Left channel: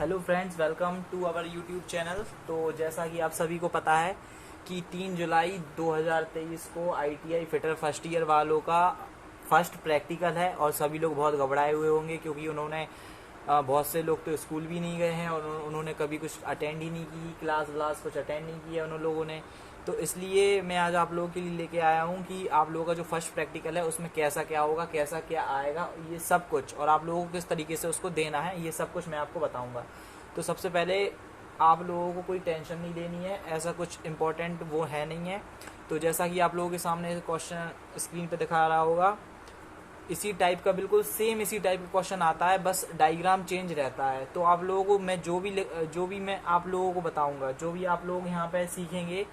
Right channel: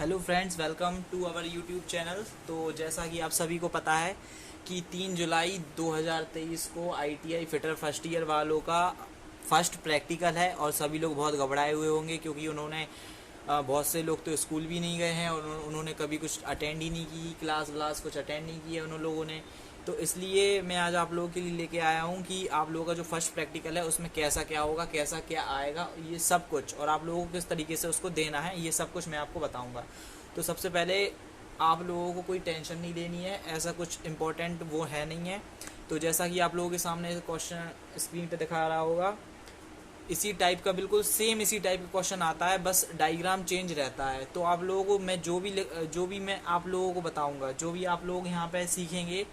Hello friends, welcome to our YouTube channel. तो जैसा कि आप सभी को पता है कि 3 जुलाई 2023 को आईटीआई फिटर फर्स्ट ईयर वालों का फर्स्ट प्रैक्टिकल है और सभी लोग बहुत घबराए हुए होंगे क्योंकि उन्होंने बहुत से लोग तो स्कूल भी नहीं गए हैं और उन्होंने कभी कुछ अटेंड ही नहीं की, क्लास व्लास कुछ अटेंड नहीं किया उन लोगों ने। तो इसलिए मैं आज आप लोगों के लिए लेके आया हूँ कि आप लोगों का जो फर्स्ट प्रैक्टिकल है उसमें कैसा क्या होगा, कैसा क्या आएगा, ये सब कुछ, और आप लोगों को किस तरीके से उसको देना है, ये सब कुछ मैं आपको बताऊँगा। तो सबसे पहले आप लोगों को कोई टेंशन नहीं लेनी है, ऐसा कुछ इम्पोर्टेंट वो है नहीं है। तो जैसा कि आप लोगों के सामने क्वेश्चन स्क्रीन पे दिखा रहा होगा, इसी टाइप का बिल्कुल सेम इसी टाइप का क्वेश्चन आता है, बस डायग्राम चेंज रहता है। तो आप लोगों को मैं जो भी मैं आप लोगों को बताऊंगा, जो भी आप लोग यहाँ पे सीखेंगे,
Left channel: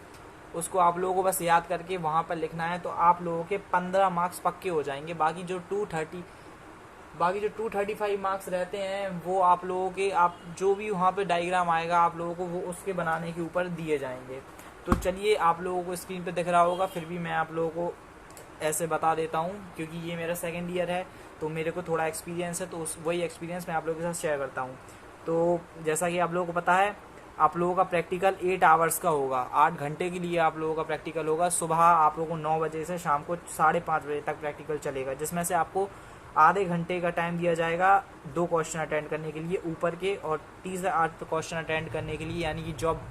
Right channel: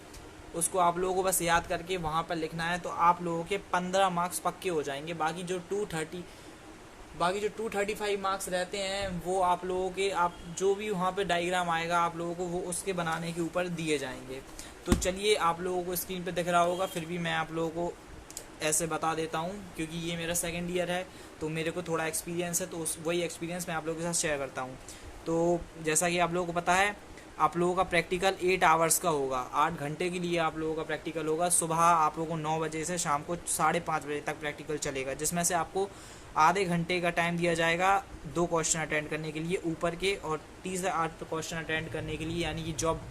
उसको आप लोगों को बस याद करके वहाँ पर लिखना है। तो आप लोगों के 15 मार्क्स पक्के हो जाएंगे। बाकी जो 235 मार्क्स रहते हैं वो आप लोगों के, आप जो भी वहाँ पे डायग्राम आएगा आप लोगों को वो उसके बनाने के ऊपर दिए जाएंगे। तो चलिए, आप लोगों को स्क्रीन पे दिख रहा होगा, फिर भी मैं आप लोगों को ऐसे बता देता हूँ क्योंकि ये मेरा सेकंड ईयर है तो मेरे को थोड़ा एक्सपीरियंस है, तो उस वही एक्सपीरियंस मैं आप लोगों के साथ शेयर करता हूँ। तो जैसा कि आप लोगों को पता है, आप लोगों का प्रैक्टिकल 8 आवर्स का होगा, 8 घंटे के लिए आप लोगों का प्रैक्टिकल होगा। सुबह आप लोगों को 9 बजे से शाम को 5:30 बजे तक प्रैक्टिकल चलेगा, जिसमें से आपको आधे घंटे का टाइम दिया जाएगा 2 क्वेश्चन अटेंड करने के लिए ऊपर के, और 30 से 8 क्वेश्चन अटेंड करने के लिए, यानी कि जॉब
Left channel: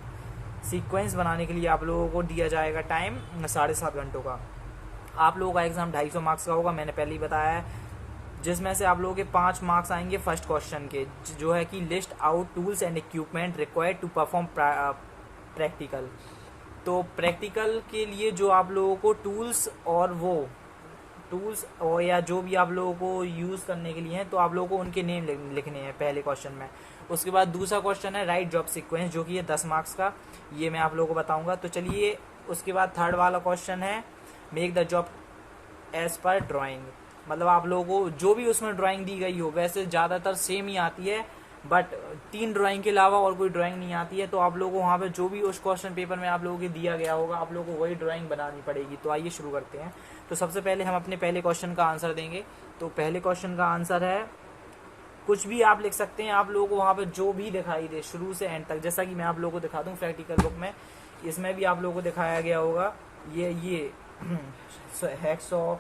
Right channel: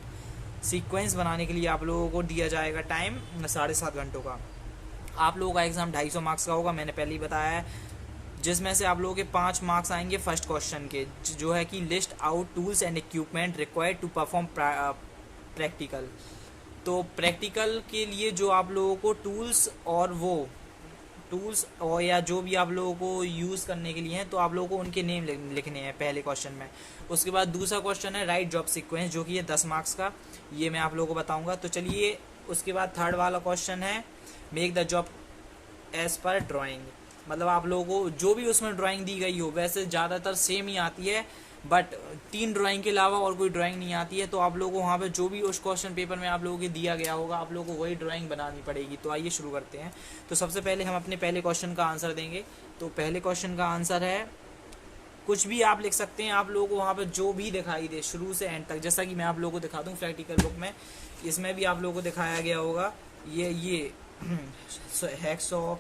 सीक्वेंस बनाने के लिए आप लोगों को दिया जाएगा टाइम 7.5 घंटों का। आप लोगों का एग्ज़ाम 250 मार्क्स का होगा, मैंने पहले ही बताया है, जिसमें से आप लोगों के 5 मार्क्स आएंगे फर्स्ट क्वेश्चन के, जो है कि list out tools and equipment required to perform practical. तो प्रैक्टिकल के लिए जो आप लोगों को टूल्स और या जो भी आप लोगों को यूज़ करने के लिए हैं, तो आप लोगों को उनके नेम लिखने हैं पहले क्वेश्चन में। उसके बाद दूसरा क्वेश्चन है राइट जॉब सीक्वेंस, जो कि है 10 मार्क्स का, ये मैं आप लोगों को बताऊंगा। तो चलिए, उसके बाद थर्ड वाला क्वेश्चन है make the job as per drawing. मतलब आप लोगों को जो भी उसमें ड्राइंग दी गई हो, वैसे ज़्यादातर सेम ही आती है, बट 3 ड्राइंग के अलावा और कोई ड्राइंग नहीं आती है। तो आप लोगों को वहाँ पे जो भी उस क्वेश्चन पेपर में आप लोगों को दिया गया होगा, आप लोगों को वही ड्राइंग बनानी पड़ेगी। तो आइए शुरू करते हैं। तो सबसे पहले हम अपने पहले क्वेश्चन का आंसर देंगे। तो पहले क्वेश्चन का आंसर है, कुछ भी आप लिख सकते हैं, आप लोगों को वहाँ पे जो भी दिखाई दे शुरू से एंड तक, जैसा कि मैं आप लोगों को दिखा दूँ प्रैक्टिकल बुक में, इसमें भी आप लोगों को दिखाया गया होगा ये hacksaw,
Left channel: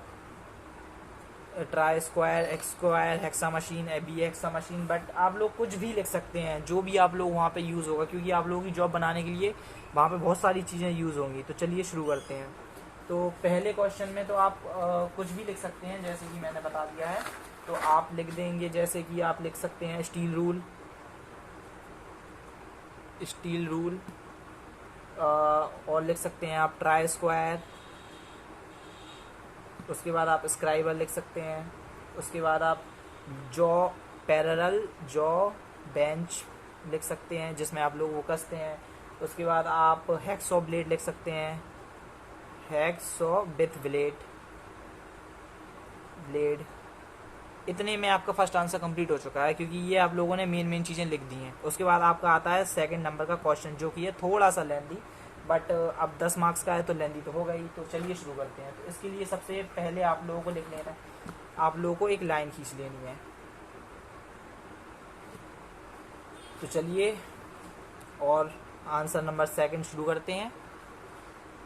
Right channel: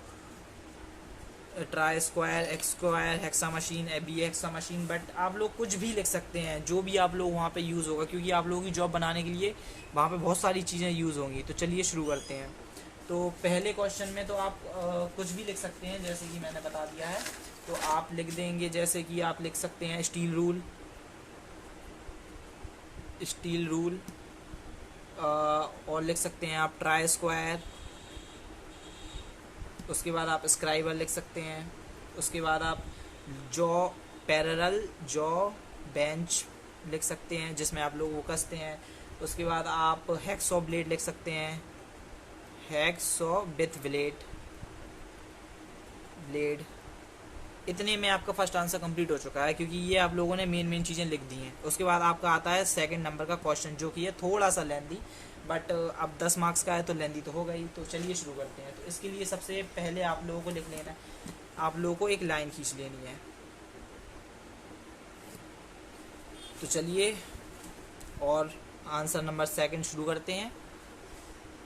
try square, X square, hacksaw machine, बी हेक्सा मशीन, बट आप लोग कुछ भी लिख सकते हैं, जो भी आप लोग वहाँ पे यूज़ होगा, क्योंकि आप लोगों की जॉब बनाने के लिए वहाँ पे बहुत सारी चीज़ें यूज़ होंगी। तो चलिए शुरू करते हैं। तो पहले क्वेश्चन में तो आप कुछ भी लिख सकते हैं, जैसे कि मैंने बता दिया है। तो आप लिख देंगे, जैसे कि आप लिख सकते हैं स्टील रूल, स्टील रूल, और लिख सकते हैं आप ट्राई स्क्वायर। उसके बाद आप स्क्राइबर लिख सकते हैं। उसके बाद आप जॉ पैरेलल जॉ बेंच लिख सकते हैं, जिसमें आप लोग वो कसते हैं। उसके बाद आप हैक्सॉ ब्लेड लिख सकते हैं, हैक्सॉ विथ ब्लेड। इतने में आपका फर्स्ट आंसर कंप्लीट हो चुका है, क्योंकि ये आप लोगों ने मेन मेन चीज़ें लिख दी हैं। उसके बाद आपका आता है सेकंड नंबर का क्वेश्चन, जो कि है थोड़ा सा लेंदी, बट अब 10 मार्क्स का है तो लेंदी तो होगा ही। तो चलिए शुरू करते हैं। तो इसके लिए सबसे पहले आप लोगों को लिख लेना है, आप लोगों को एक लाइन खींच लेनी है। तो चलिए, और आंसर नंबर सेकंड शुरू करते हैं।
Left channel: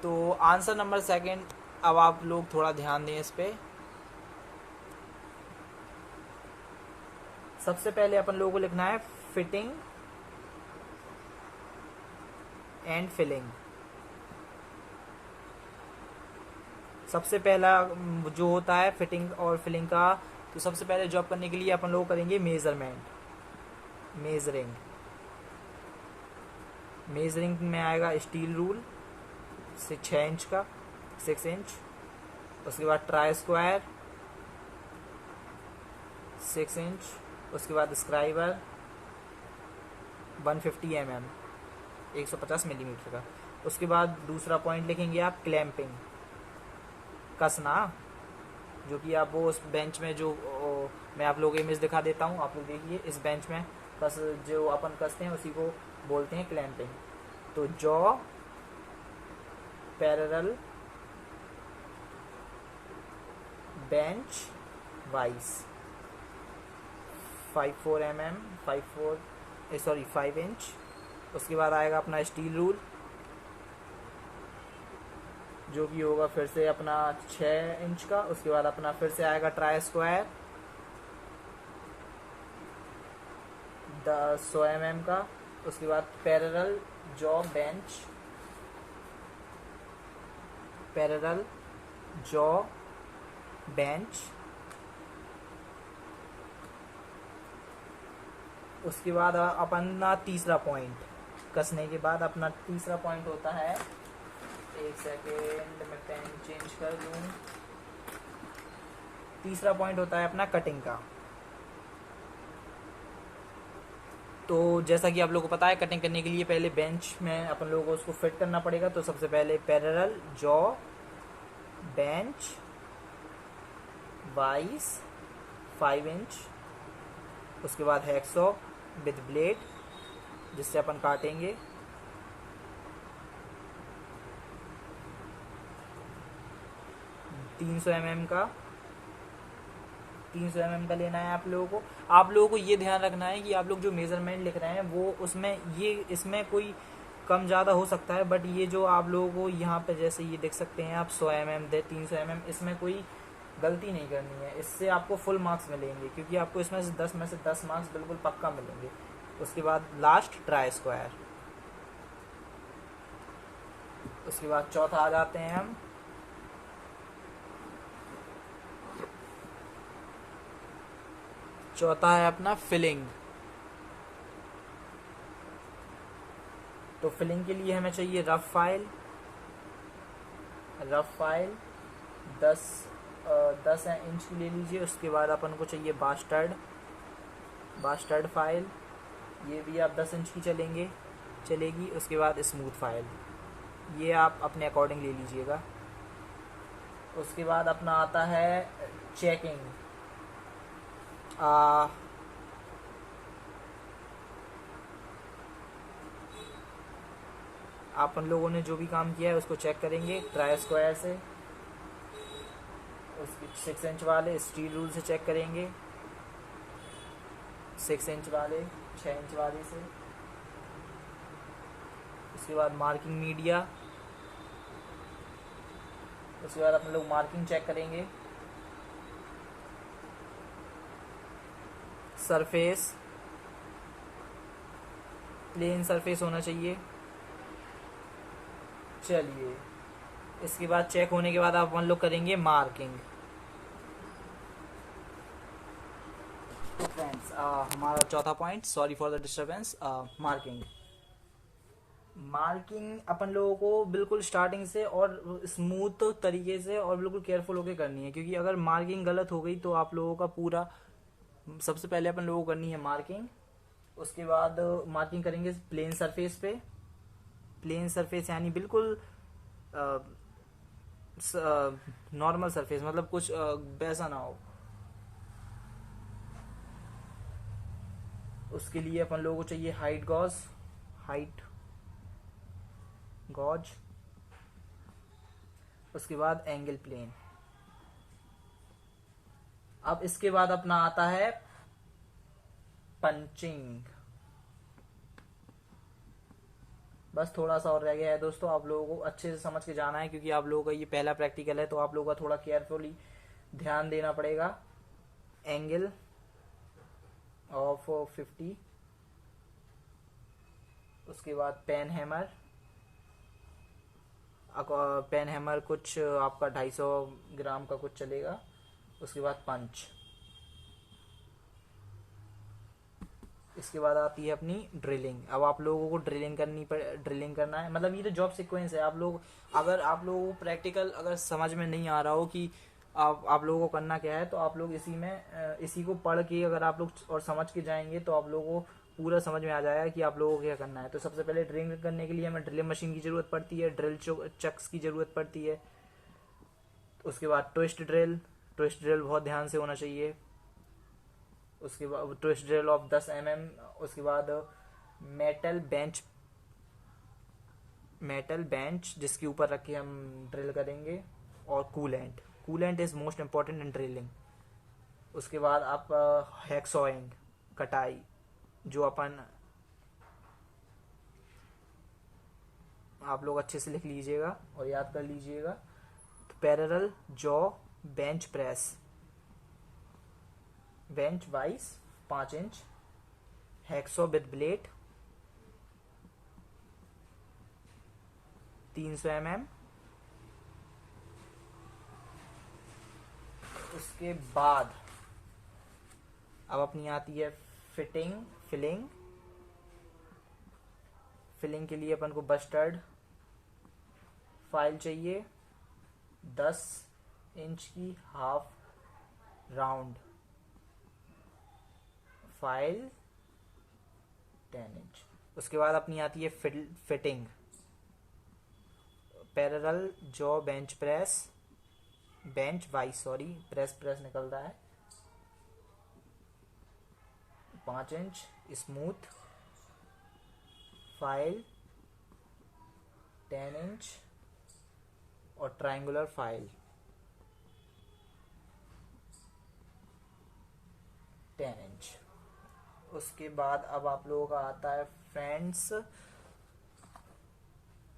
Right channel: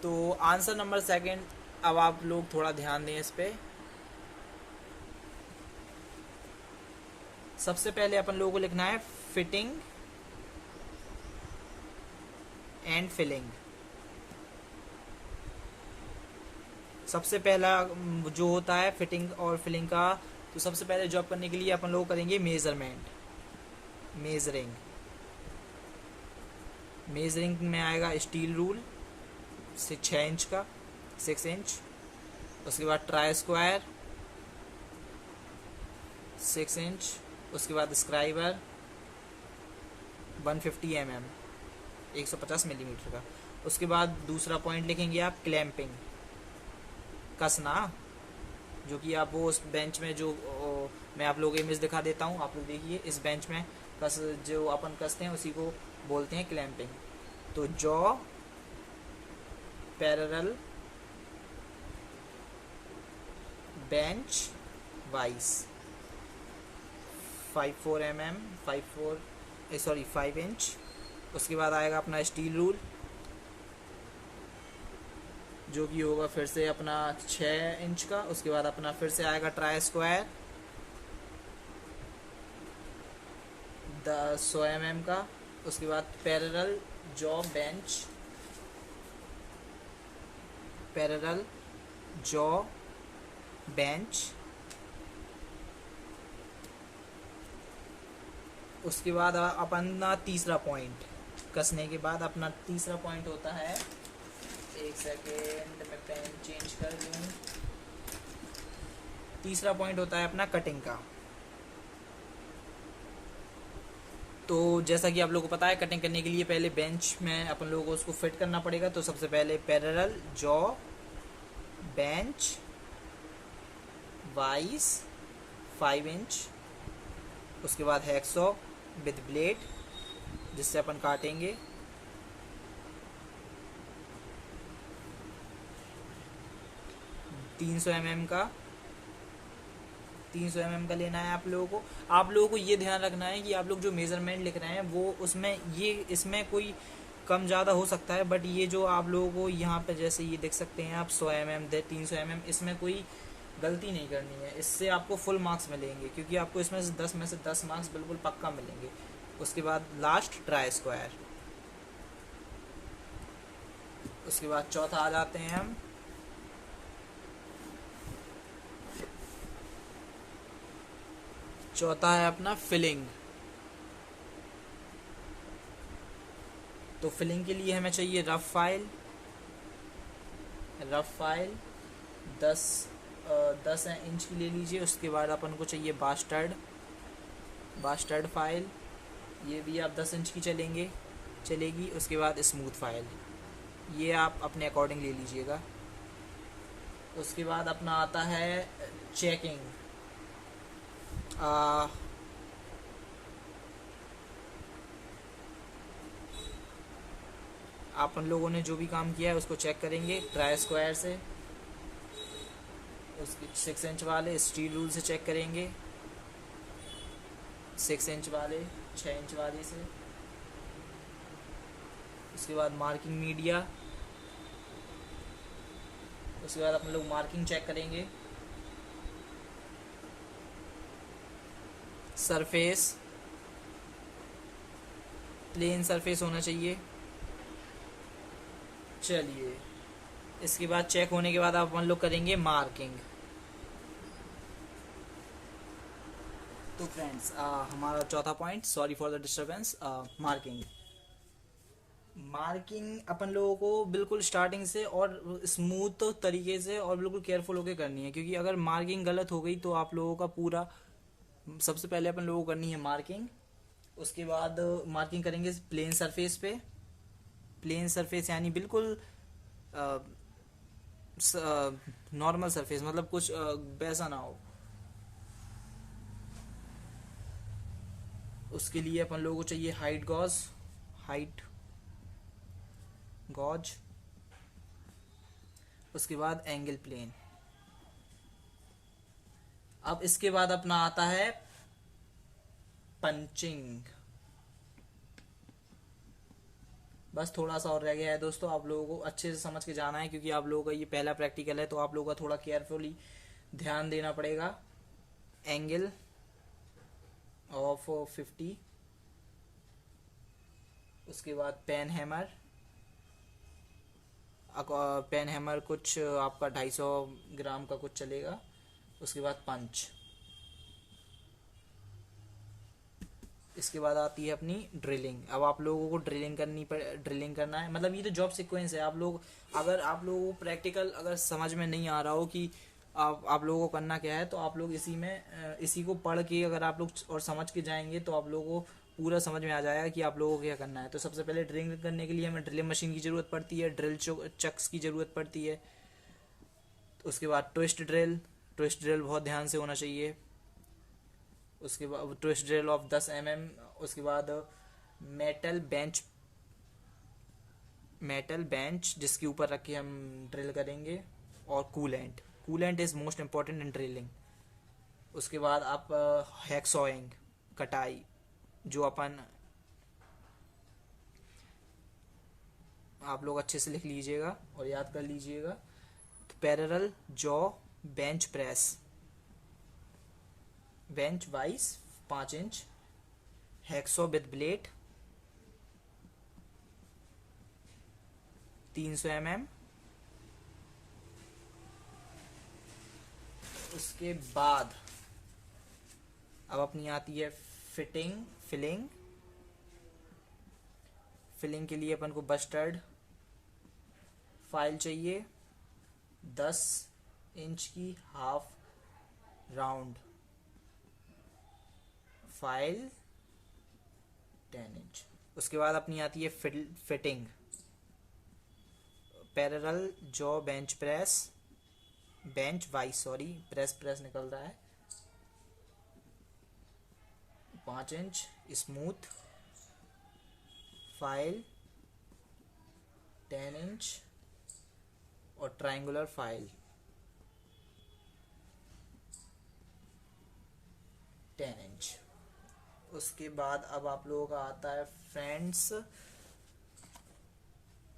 तो आंसर नंबर सेकंड, अब आप लोग थोड़ा ध्यान दें इस पर। सबसे पहले अपन लोगों को लिखना है फिटिंग एंड फिलिंग। सबसे पहला जो होता है फिटिंग और फिलिंग का, तो सबसे पहले जॉब करने के लिए अपन लोग करेंगे मेजरिंग में आएगा स्टील रूल से 6 इंच का, 6 इंच। उसके बाद ट्राई स्क्वायर 6 इंच। उसके बाद स्क्राइबर 150 mm, 150 मिलीमीटर का। उसके बाद दूसरा पॉइंट लिखेंगे आप क्लैंपिंग, कसना, जो कि आप वो उस बेंच में जो मैं आप लोगों को इमेज दिखा देता हूँ, आप लोग देखिए, इस बेंच में कस, जो अपन कसते हैं उसी को बोलते हैं क्लैंपिंग। तो jaw parallel bench wise 54 mm, 54 sorry 5 inch. उसके बाद आएगा अपना स्टील रूल, जो कि होगा फिर से अपना 6 इंच का। उसके बाद अपना फिर से आएगा ट्राई स्क्वायर 100 mm का। उसके बाद parallel jaw bench, parallel jaw bench. उसके बाद अपना तीसरा पॉइंट, कसने के बाद अपना तीसरा पॉइंट होता है, एक सेकेंड मैं पेन चेंज कर लूँ। तीसरा पॉइंट होता है अपना कटिंग का। तो जैसा कि आप लोगों को पता है, कटिंग करने के लिए पहले बेंच में अपन लोगों को उसको फिट करना पड़ेगा। तो सबसे पहले parallel jaw bench vice 5 inch. उसके बाद हैक्सॉ विद ब्लेड, जिससे अपन काटेंगे। तीन सौ एम एम का लेना है आप लोगों को। आप लोगों को ये ध्यान रखना है कि आप लोग जो मेज़रमेंट लिख रहे हैं वो उसमें ये इसमें कोई कम ज़्यादा हो सकता है, बट ये जो आप लोगों को यहाँ पे जैसे ये देख सकते हैं आप 100 mm दे 300 mm, इसमें कोई गलती नहीं करनी है। इससे आपको फुल मार्क्स मिलेंगे, क्योंकि आपको इसमें से 10 में से 10 मार्क्स बिल्कुल पक्का मिलेंगे। उसके बाद लास्ट ट्राई स्क्वायर। उसके बाद चौथा आ जाते हैं हम, चौथा है अपना फिलिंग। तो फिलिंग के लिए हमें चाहिए rough file. Rough file 10 inch की ले लीजिए। उसके बाद अपन को चाहिए बास्टर्ड फाइल, ये भी आप 10 इंच की चलेगी। उसके बाद स्मूथ फाइल, ये आप अपने अकॉर्डिंग ले लीजिएगा। उसके बाद अपना आता है चेकिंग। अपन लोगों ने जो भी काम किया है उसको चेक करेंगे ट्राई स्क्वायर से। उसके 6 इंच वाले स्टील रूल से चेक करेंगे, 6 इंच वाले 6 इंच वाले से। उसके बाद मार्किंग मीडिया, उसके बाद अपन लोग मार्किंग चेक करेंगे। सरफेस प्लेन सरफेस होना चाहिए। चलिए, इसके बाद चेक होने के बाद आप अपन लोग करेंगे मार्किंग। तो फ्रेंड्स, हमारा चौथा point, sorry for the disturbance, marking अपन लोगों को बिल्कुल स्टार्टिंग से और स्मूथ तरीके से और बिल्कुल केयरफुल होकर करनी है, क्योंकि अगर मार्किंग गलत हो गई तो आप लोगों का पूरा, सबसे पहले अपन लोगों को करनी है मार्किंग। उसके बाद मार्किंग करेंगे प्लेन सरफेस पे। प्लेन सरफेस यानी बिल्कुल नॉर्मल सरफेस, मतलब कुछ वैसा ना हो। उसके लिए अपन लोगों को चाहिए हाइट गॉज। उसके बाद एंगल प्लेन। अब इसके बाद अपना आता है पंचिंग। बस थोड़ा सा और रह गया है दोस्तों, आप लोगों को अच्छे से समझ के जाना है, क्योंकि आप लोगों का ये पहला प्रैक्टिकल है, तो आप लोगों का थोड़ा केयरफुली ध्यान देना पड़ेगा। Angle of 50। उसके बाद पेन हैमर कुछ आपका 250 ग्राम का कुछ चलेगा। उसके बाद पंच। इसके बाद आती है अपनी ड्रिलिंग। अब आप लोगों को ड्रिलिंग करना है, मतलब ये तो जॉब सीक्वेंस है। आप लोग, अगर आप लोगों को प्रैक्टिकल अगर समझ में नहीं आ रहा हो कि आप लोगों को करना क्या है, तो आप लोग इसी को पढ़ के अगर आप लोग और समझ के जाएंगे तो आप लोगों को पूरा समझ में आ जाएगा कि आप लोगों को क्या करना है। तो सबसे पहले ड्रिलिंग करने के लिए हमें ड्रिलिंग मशीन की ज़रूरत पड़ती है, ड्रिल चक्स की ज़रूरत पड़ती है। उसके बाद ट्विस्ट ड्रिल बहुत ध्यान से होना चाहिए। उसके बाद ट्विस्ट ड्रिल ऑफ 10 mm। उसके बाद मेटल बेंच जिसके ऊपर रख के हम ड्रिल करेंगे, और coolant is most important in drilling. उसके बाद आप हैक्सॉइंग कटाई, जो अपन आप लोग अच्छे से लिख लीजिएगा और याद कर लीजिएगा। तो parallel jaw bench press, bench vice 5 inch, hacksaw with blade 300 mm। उसके बाद अब अपनी आती है फिलिंग के लिए अपन को बस्टर्ड फाइल चाहिए 10 इंच की, हाफ राउंड फाइल 10 इंच। उसके बाद अपनी आती है fitting, parallel jaw bench vice press निकल रहा है 5 इंच, स्मूथ फाइल 10 इंच और ट्रायंगुलर फाइल 10 इंच। उसके बाद अब आप लोगों का आता है फ्रेंड्स,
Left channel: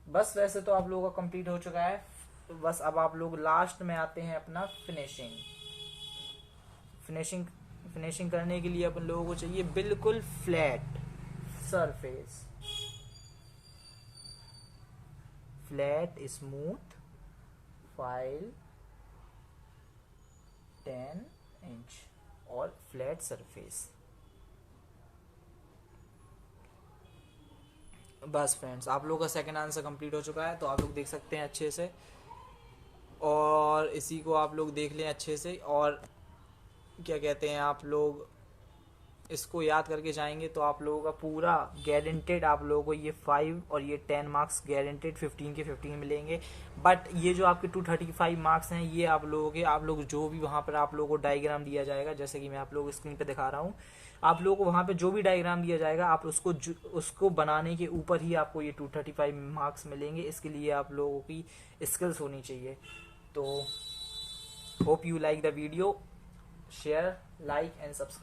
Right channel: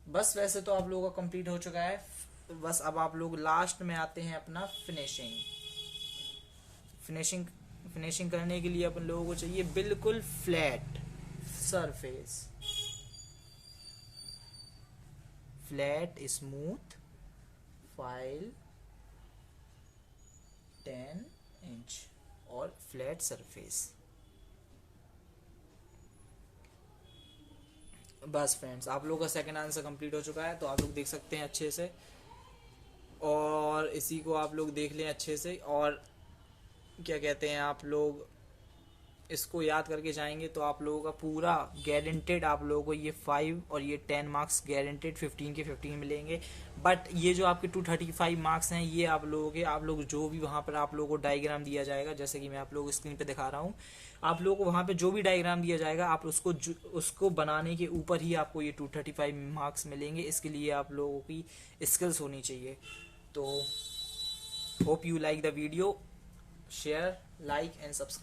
बस वैसे तो आप लोगों का कंप्लीट हो चुका है। बस अब आप लोग लास्ट में आते हैं अपना फिनिशिंग करने के लिए अपन लोगों को चाहिए बिल्कुल flat surface, flat smooth file 10 inch और फ्लैट सरफेस। बस फ्रेंड्स, आप लोगों का सेकंड आंसर कंप्लीट हो चुका है, तो आप लोग देख सकते हैं अच्छे से, और इसी को आप लोग देख लें अच्छे से। और क्या कहते हैं, आप लोग इसको याद करके जाएंगे तो आप लोगों का पूरा गारंटेड, आप लोगों को ये 5 और ये 10 मार्क्स गारंटेड 15 के 15 मिलेंगे। बट ये जो आपके 235 मार्क्स हैं, ये आप लोगों के, आप लोग जो भी वहाँ पर आप लोगों को डायग्राम दिया जाएगा, जैसे कि मैं आप लोगों को स्क्रीन पे दिखा रहा हूँ, आप लोगों को वहाँ पे जो भी डायग्राम दिया जाएगा, आप उसको बनाने के ऊपर ही आपको ये 235 मार्क्स मिलेंगे। इसके लिए आप लोगों की स्किल्स होनी चाहिए। तो hope you like the video, share, like and subscribe.